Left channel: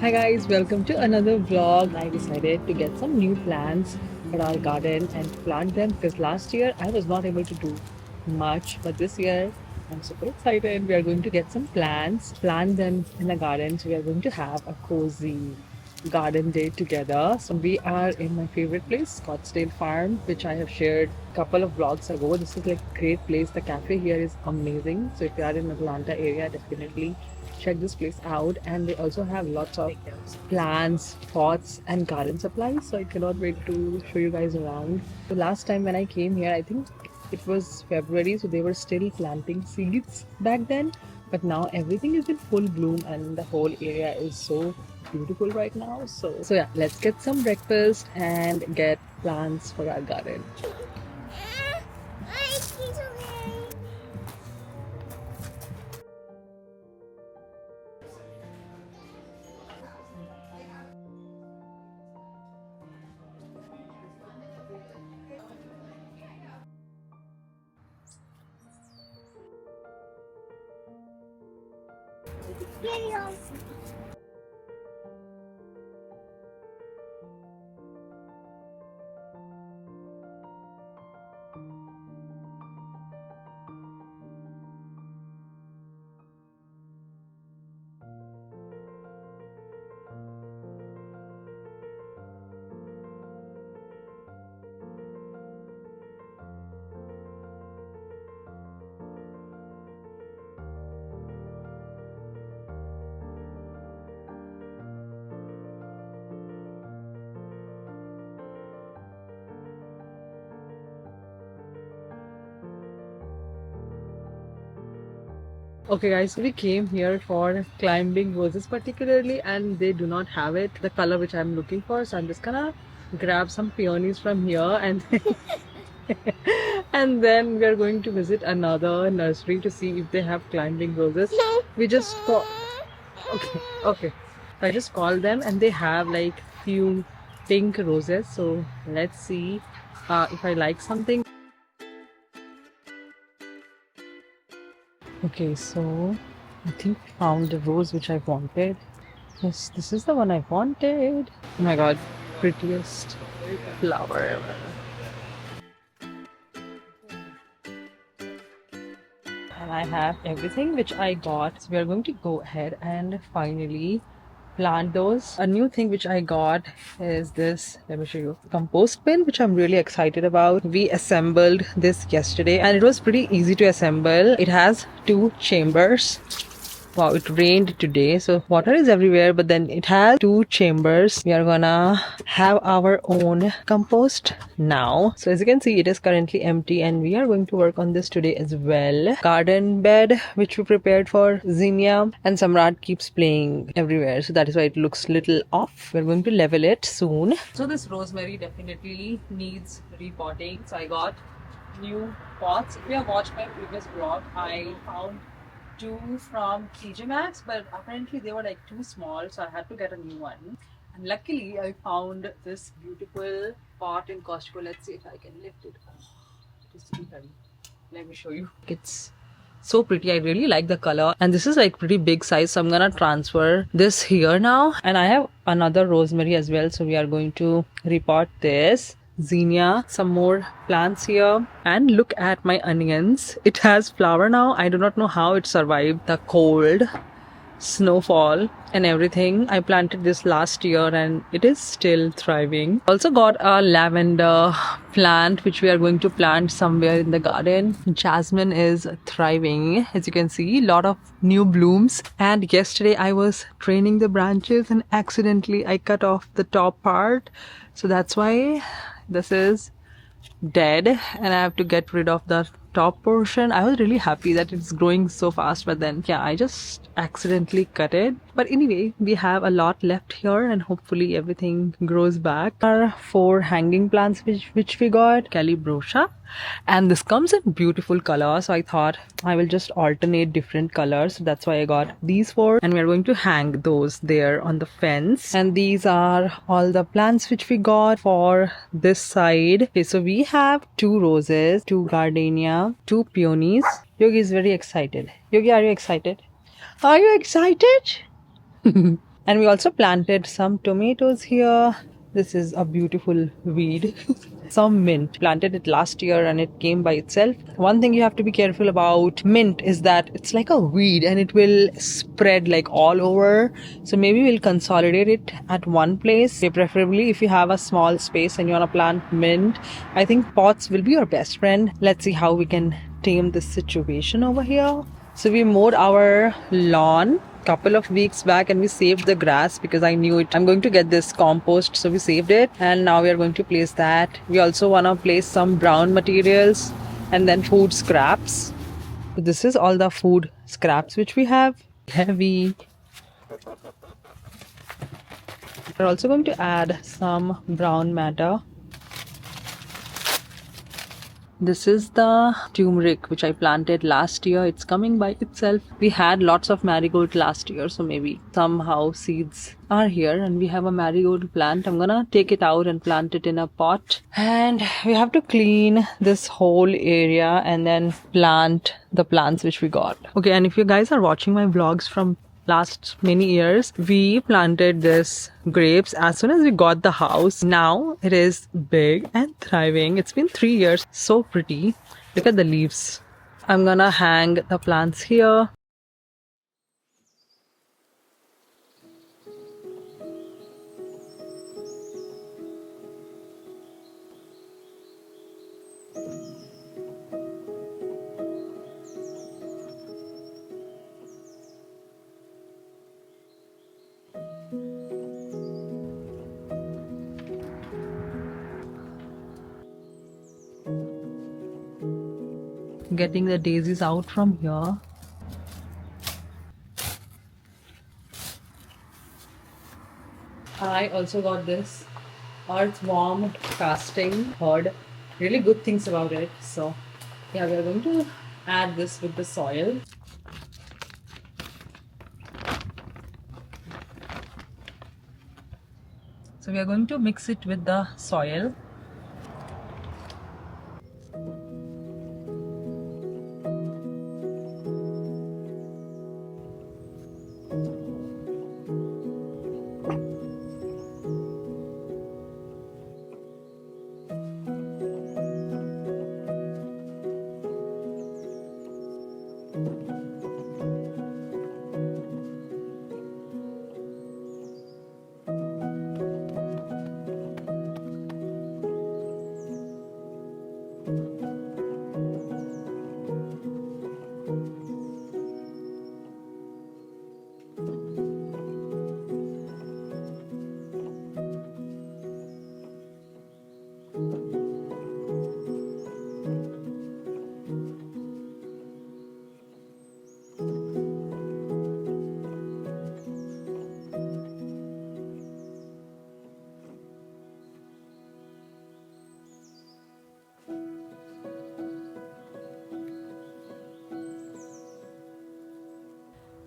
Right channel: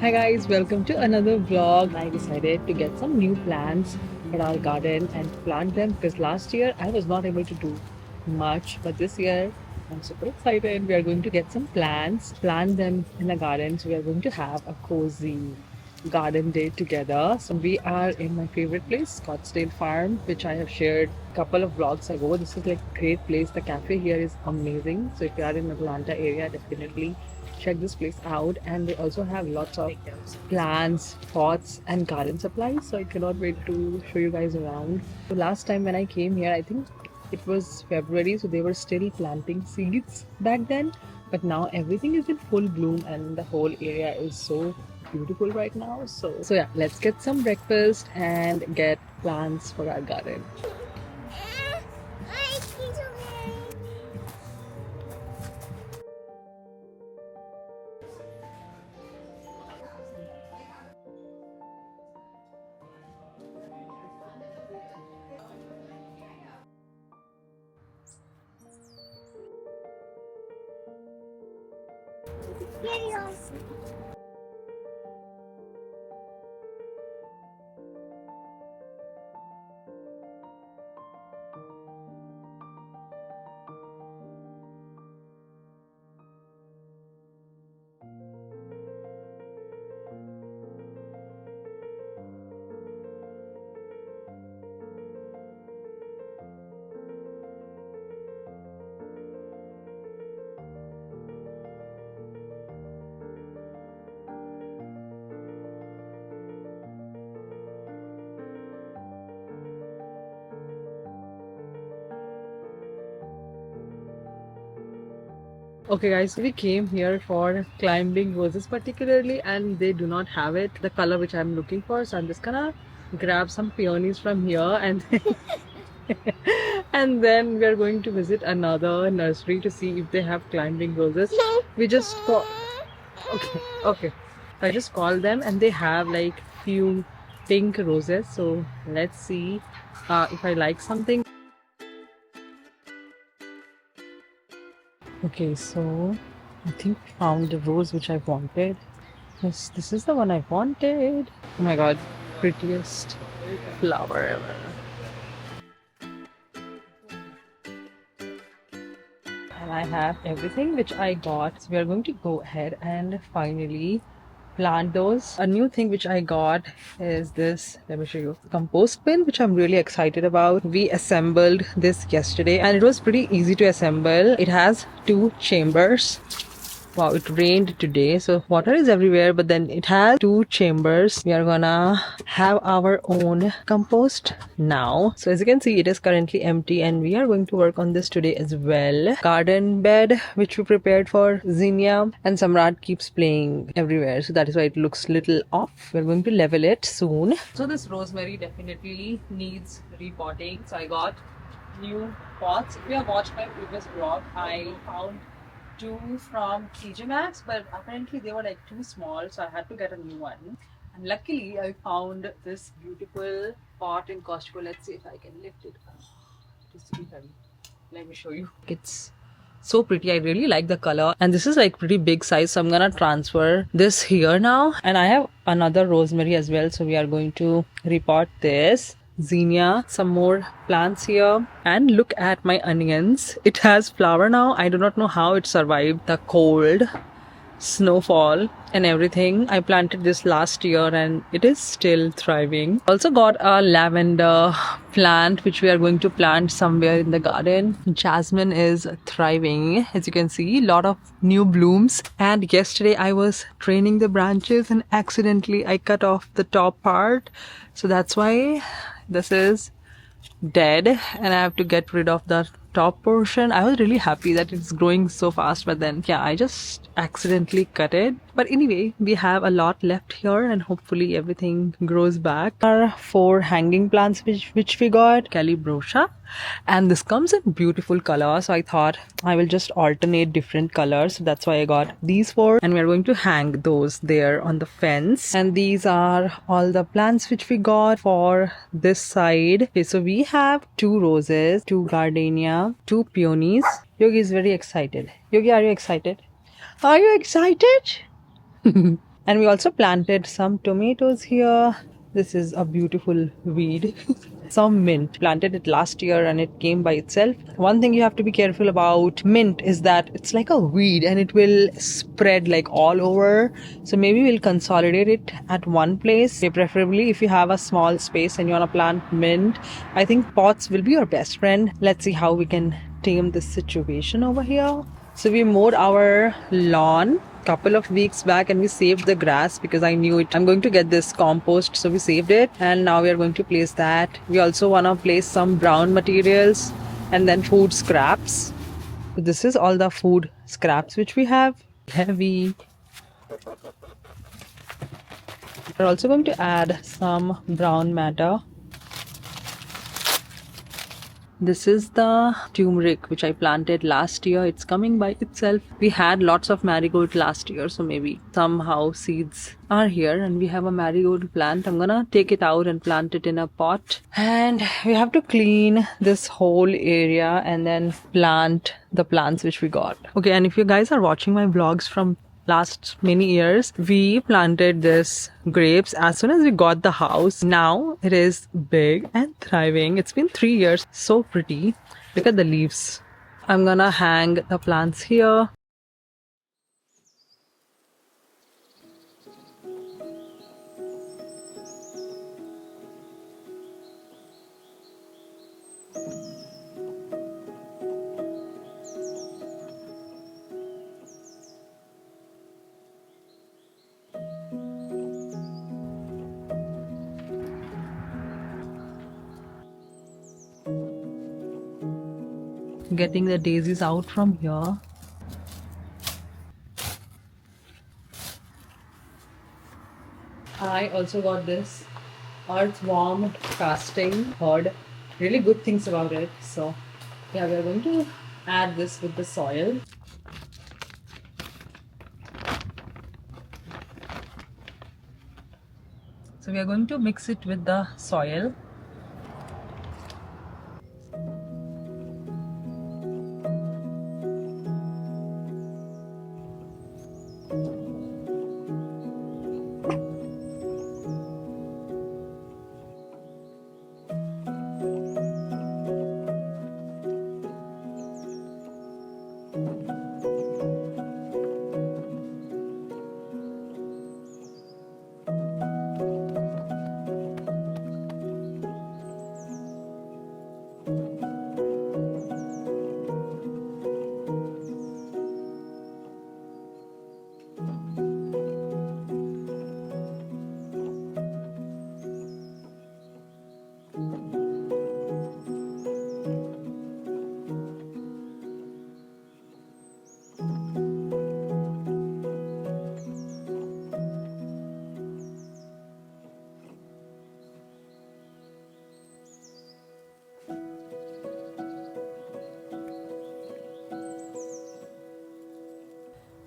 Hi guys, welcome to another vlog. I decided to get some new plants for our garden and plant them because last year I was not able to do much, but this year I'm super excited. We are going to get some plants, plant them in the garden. So we are going to have a cozy garden day together. So we are in my favorite place, Scottsdale Farm, which I have shared a couple of vlogs ago. This is like a great place. The cafe here is amazing. So if you are in Atlanta area, definitely check this place out. And they also have lots of plants, pots and garden supplies. So I cannot wait to show you guys around. So last time when I came here, I think it was February, so they were still planting seeds back then, but now everything is in full bloom and the whole area is so beautiful right now. So yeah, let's get some breakfast and get plants for our garden. Okay guys, so we came here for climbing roses particularly, and they do not have it, the color which I'm looking for. So I'm just gonna grab some peonies from here and and then we are going to visit another nursery to see if they have climbing roses. We just call. Okay. I just called them and they have like few pink roses. So let's see if I like something. Okay, so I think we found the rose which I wanted. Yes, this is the one I wanted. Oh my god, prettiest flower ever. And I have everything which I got. So we are going to go ahead and finally plant those. A new thing which I got is this, let me show you, compost bin, which I'm really excited about. We assembled this yesterday and it was pretty easy to assemble. It has two chambers. Wow, it rained today, so water is everywhere, but then it has two chambers. We are gonna have our own compost now. So as you can see, it is currently empty and we are going to work on this today as well. Garden bed, which we prepared for Zinnia, and Samrat keeps playing everywhere, so that is why it looks little off. We're going to level it soon. So this rosemary definitely needs repotting. So I got new pots. If you have watched my previous vlog, I found two from TJ Maxx, but apparently they were like too small, so I had to get a new one. And luckily, I found this beautiful pot in Costco. Let's see if I can lift it. Oh, it is really heavy. Let me show you. It's so pretty. I really like the color, and this is like pretty big size, so I'm gonna transfer this here now. And I have another rosemary as well, so we are going to repot this. Zinnia, some more plants here, and look at my onions. It has flower now. I do not know how it survived the cold, snowfall and everything. I planted this last year and it is still thriving. Also got a lavender plant which we are going to plant somewhere in the garden. Jasmine is thriving, as you can see, a lot of new blooms. And yesterday I was training the branches and accidentally I cut off the top part, so that's why this is dead and I have to get rid of the top portion. I was really happy that it's growing so fast, but then yeah, I just accidentally cut it. But anyway, we have a lot left here and hopefully everything grows back. Our 4 hanging plants which we got, Calibrosha, and this comes in beautiful color, so I thought I will just alternate different colors. That's why I got these 4 and we are going to hang those there on the fence. And these are all the plants which we got for this side. Okay, so we have 2 roses, 2 gardenia, 2 peonies. Yogi is very excited. Yogi, are you excited? Are you excited? And we also planted some tomatoes here. This is a beautiful weed. Some mint. Planted it last year and it came by itself. One thing you have to be careful about mint is that it's like a weed and it will spread like all over. So maybe we'll consolidate it at one place. Preferably if you have a small space and you want to plant mint, I think pots will be your best friend. Let's see how we can tame this situation over here. So we mowed our lawn couple of weeks back and we saved the grass because I knew it. I'm going to get this compost, so we saved it and now we are going to place that. We also want to place some brown materials and then food scraps. So this is all the food scraps which we have. Heavy. We're also going to add some brown matter. This is the turmeric which I planted last year. It's coming by itself. We had lots of marigold last year, so maybe somehow seeds are here and we have a marigold plant. I'm gonna take it out and plant it in a pot. And we have to clean this whole area and then plant the plants which we got. Okay, and if you guys are watching my vlogs from last many years, we planted this grapes as soon as we got the house. Now it is big and thriving. It's been 3 years. So pretty. Look at the leaves. I'm gonna hang the plants here. Getting the daisies out from here. I also got this earthworm casting. Heard really good things about it. So yeah, we are going to add this with the soil. So we are going to mix it with the soil.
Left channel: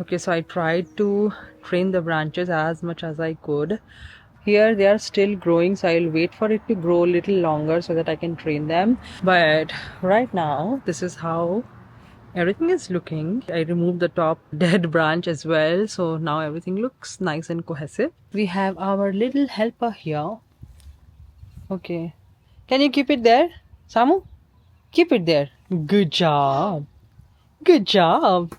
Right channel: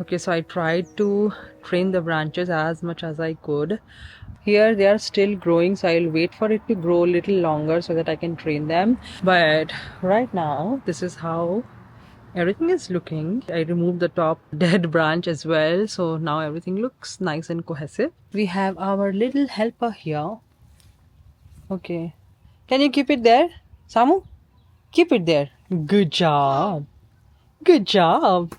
Okay, so I tried to train the branches as much as I could. Here they are still growing, so I'll wait for it to grow a little longer so that I can train them. But right now, this is how everything is looking. I removed the top dead branch as well, so now everything looks nice and cohesive. We have our little helper here. Okay. Can you keep it there, Samu? Keep it there. Good job. Good job.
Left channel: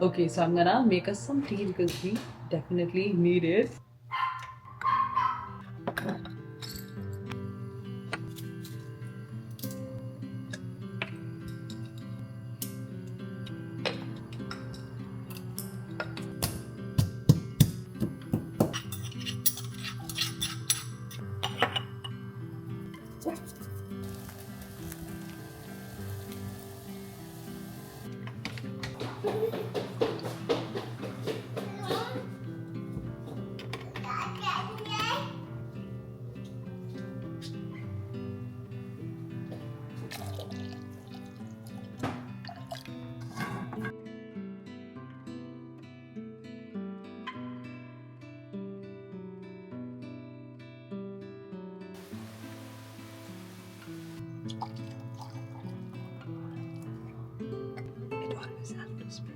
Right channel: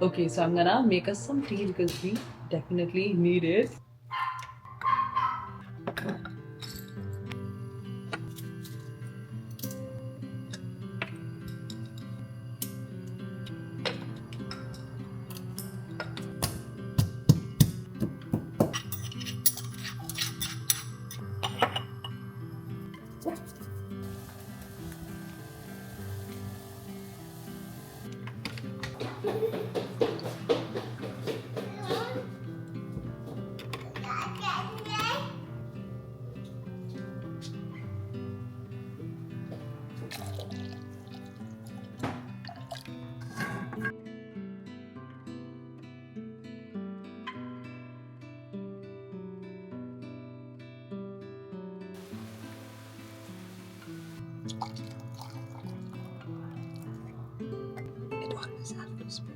Okay, so I'm gonna make us some tea because we definitely need it. It always has to spill.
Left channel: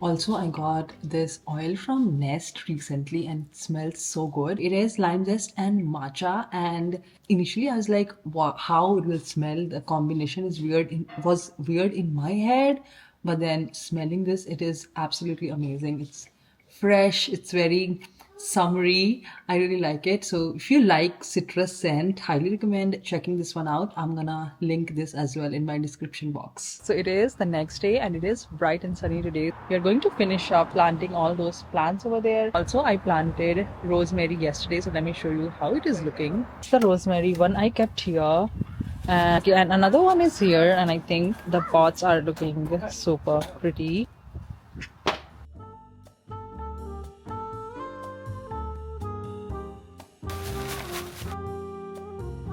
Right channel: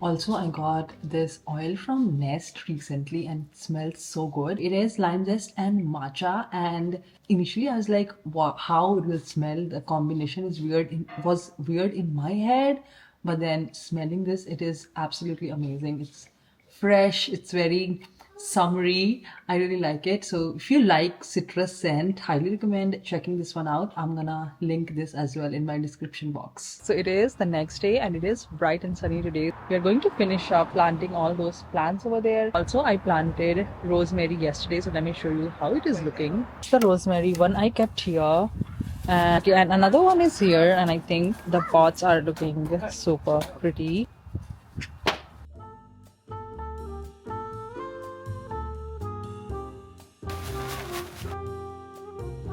Also, I got this oil from Nest recently and it smells so good. It is lime zest and matcha. And initially, I was like, wow, how it will smell. The combination is weird. Was weird in my head, but then smelling this, it is absolutely amazing. It's fresh. It's very summery. I really like it. So if you like citrus scent, highly recommend checking this one out. I'm gonna link this as well in my description box. So it is the next day and it is bright and sunny today. We are going to finish up planting all those plants over there. Also, I planted rosemary yesterday, so let me show you how it is looking. It's the rosemary one I kept here. And another one is here, and I think the pots are looking super pretty.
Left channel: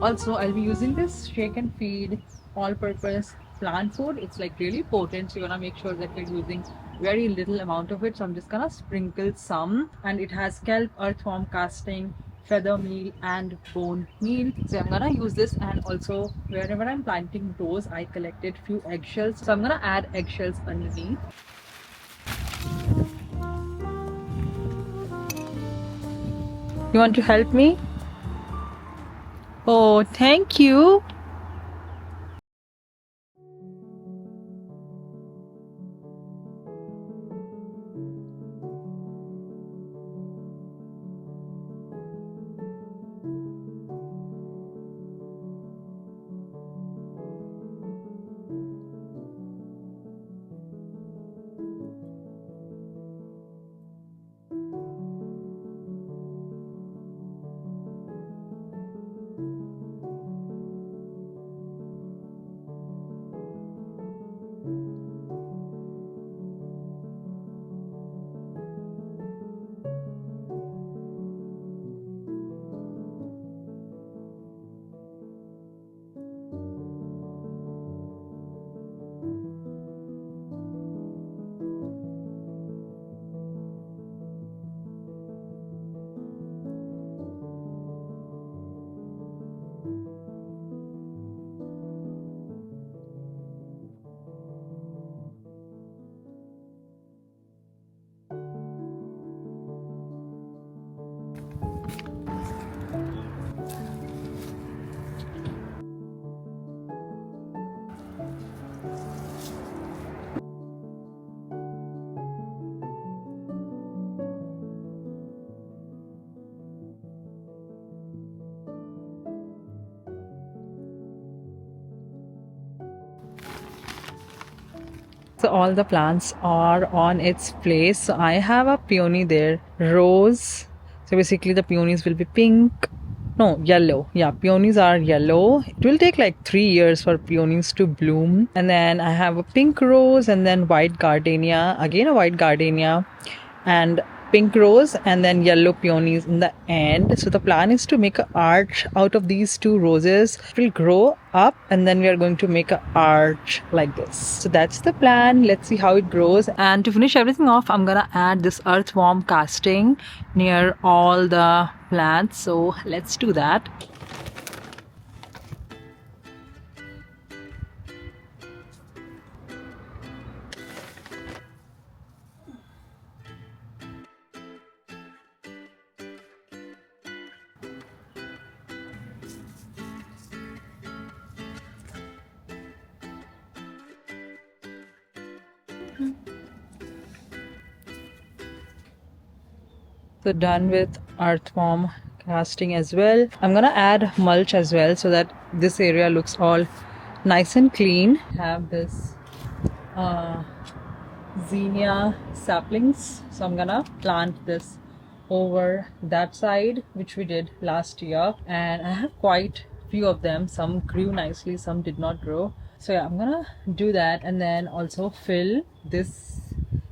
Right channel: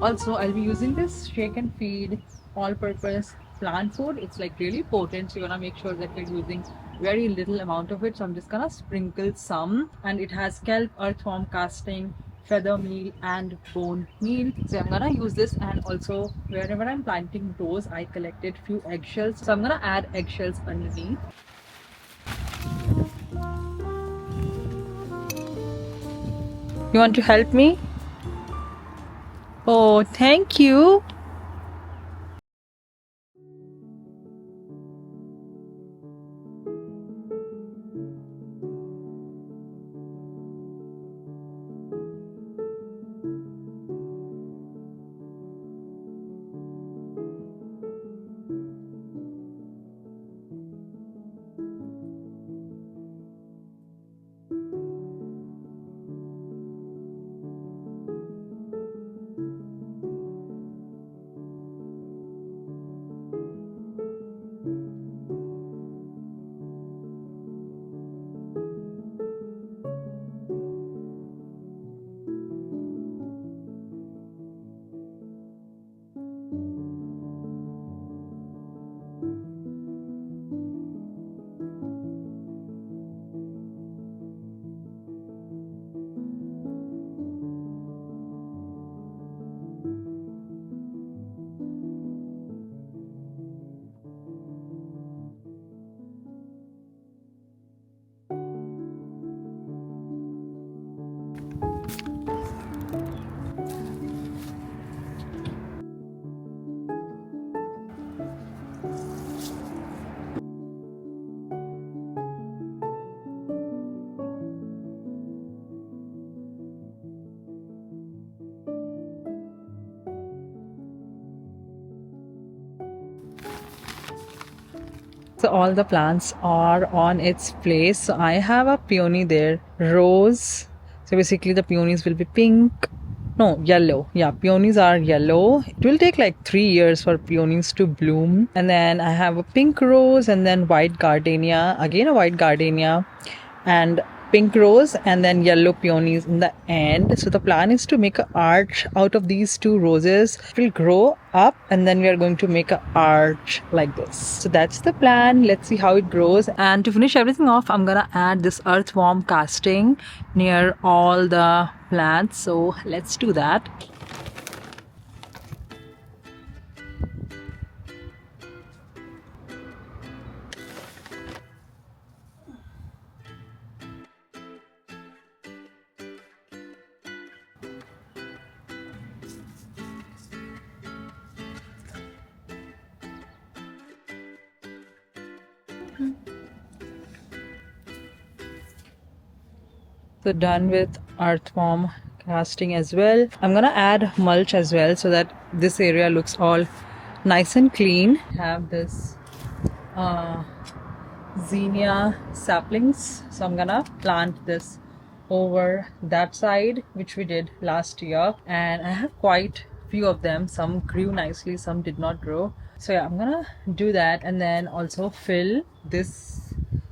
Also, I'll be using this shake and feed all-purpose plant food. It's like really potent, so you're gonna make sure that you're using very little amount of it. So I'm just gonna sprinkle some, and it has kelp, earthworm casting, feather meal, and bone meal. So I'm gonna use this, and also wherever I'm planting rose, I collected few eggshells. So I'm gonna add eggshells underneath. You want to help me? Oh, thank you. So all the plants are on its place. So I have a peony there, rose. So basically the peonies will be pink. No, yellow. Yeah, peonies are yellow. It will take like 3 years for peonies to bloom. And then I have a pink rose and then white gardenia. Again a white gardenia. And pink rose and then yellow peonies in the end. So the plan is to make an arch out of these two roses. It will grow up and then we are going to make an arch like this. So that's the plan. Let's see how it grows. And to finish everything off, I'm gonna add this earthworm casting near all the plants. So let's do that. So done with earthworm casting as well. I'm gonna add mulch as well so that this area looks all nice and clean. Have this uh, zinnia saplings, so I'm gonna plant this over that side, which we did last year, and I have quite few of them. Some grew nicely, some did not grow. So yeah, I'm gonna do that, and then also fill this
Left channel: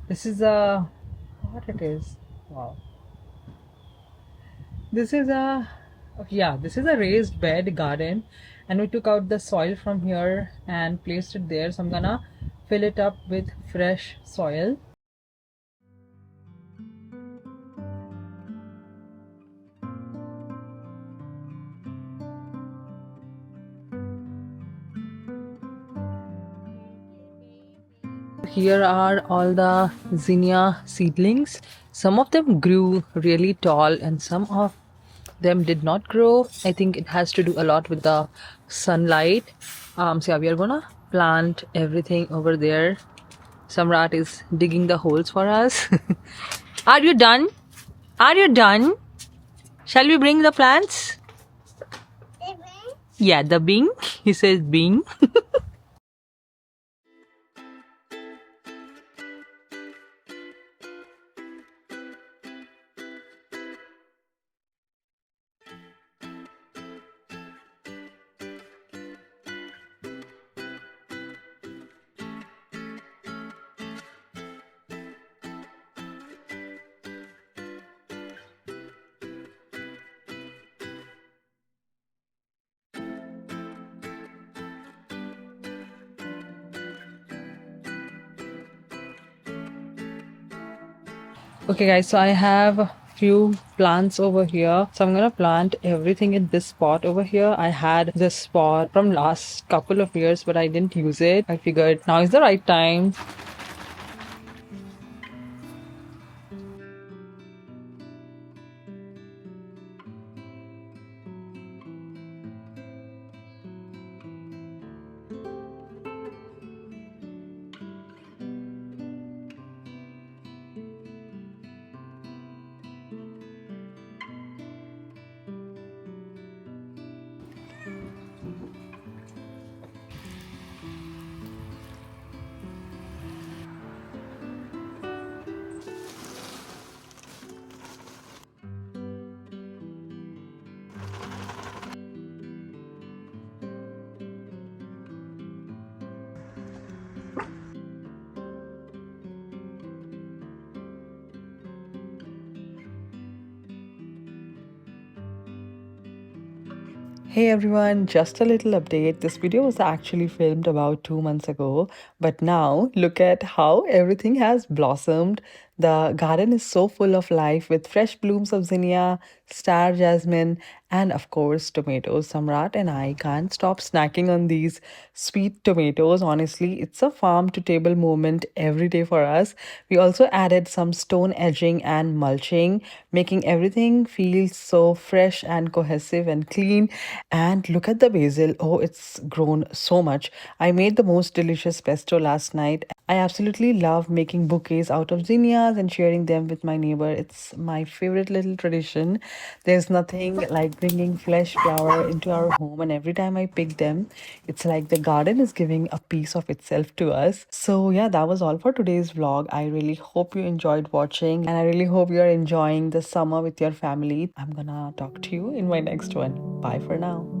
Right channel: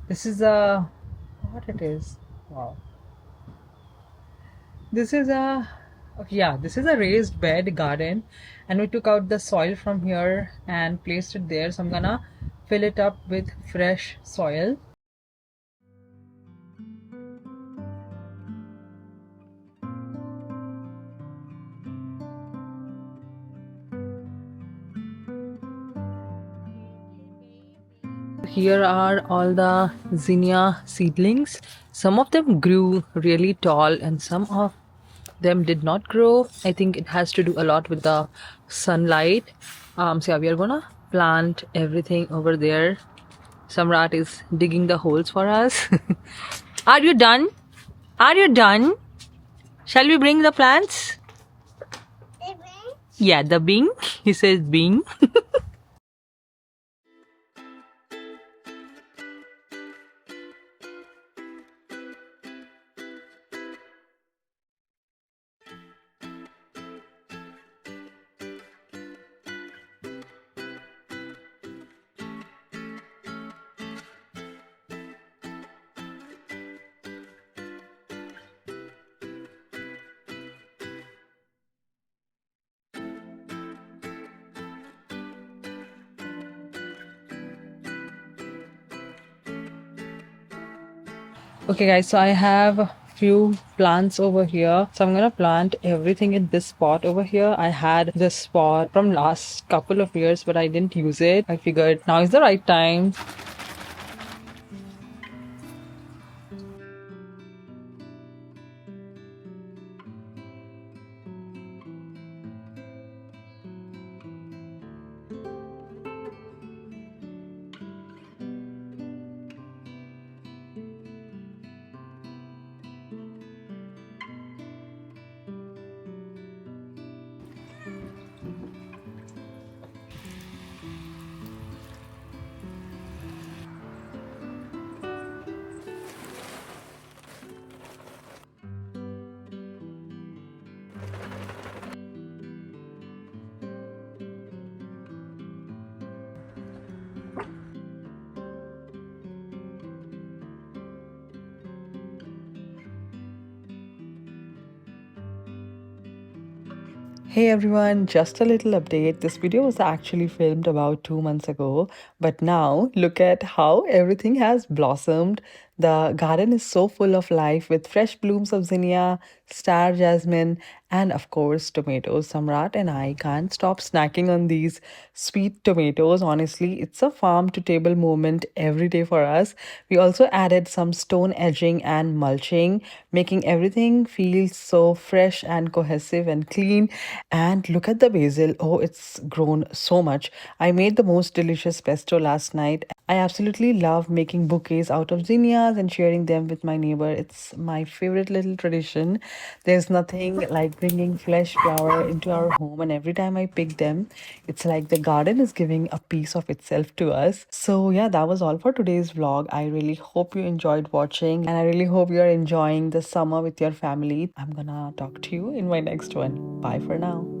is a what it is. Wow, this is a yeah, this is a raised bed garden, and we took out the soil from here and placed it there. So I'm gonna fill it up with fresh soil. Here are all the zinnia seedlings. Some of them grew really tall and some of them did not grow. I think it has to do a lot with the sunlight. So yeah, we are gonna plant everything over there. Samrat is digging the holes for us. Are you done? Are you done? Shall we bring the plants? Yeah, the bing. He says bing. Okay guys, so I have a few plants over here. So I'm gonna plant everything in this spot over here. I had this spot from last couple of years, but I didn't use it. I figured now is the right time. Hey everyone, just a little update. This video was actually filmed about 2 months ago, but now look at how everything has blossomed. The garden is so full of life with fresh blooms of zinnia, star jasmine, and of course, tomatoes. Samrat and I can't stop snacking on these sweet tomatoes. Honestly, it's a farm to table moment every day for us. We also added some stone edging and mulching, making everything feel so fresh and cohesive and clean. And look at the basil. Oh, it's grown so much. I made the most delicious pesto last night. I absolutely love making bouquets out of zinnias and sharing them with my neighbor. It's my favorite little tradition. There's nothing like bringing fresh flower into our home, and every time I pick them, it's like the garden is giving a piece of itself to us. So, yeah, that was all for today's vlog. I really hope you enjoyed watching, and I really hope you're enjoying the summer with your family. I'm gonna talk to you in my next one. Bye for now.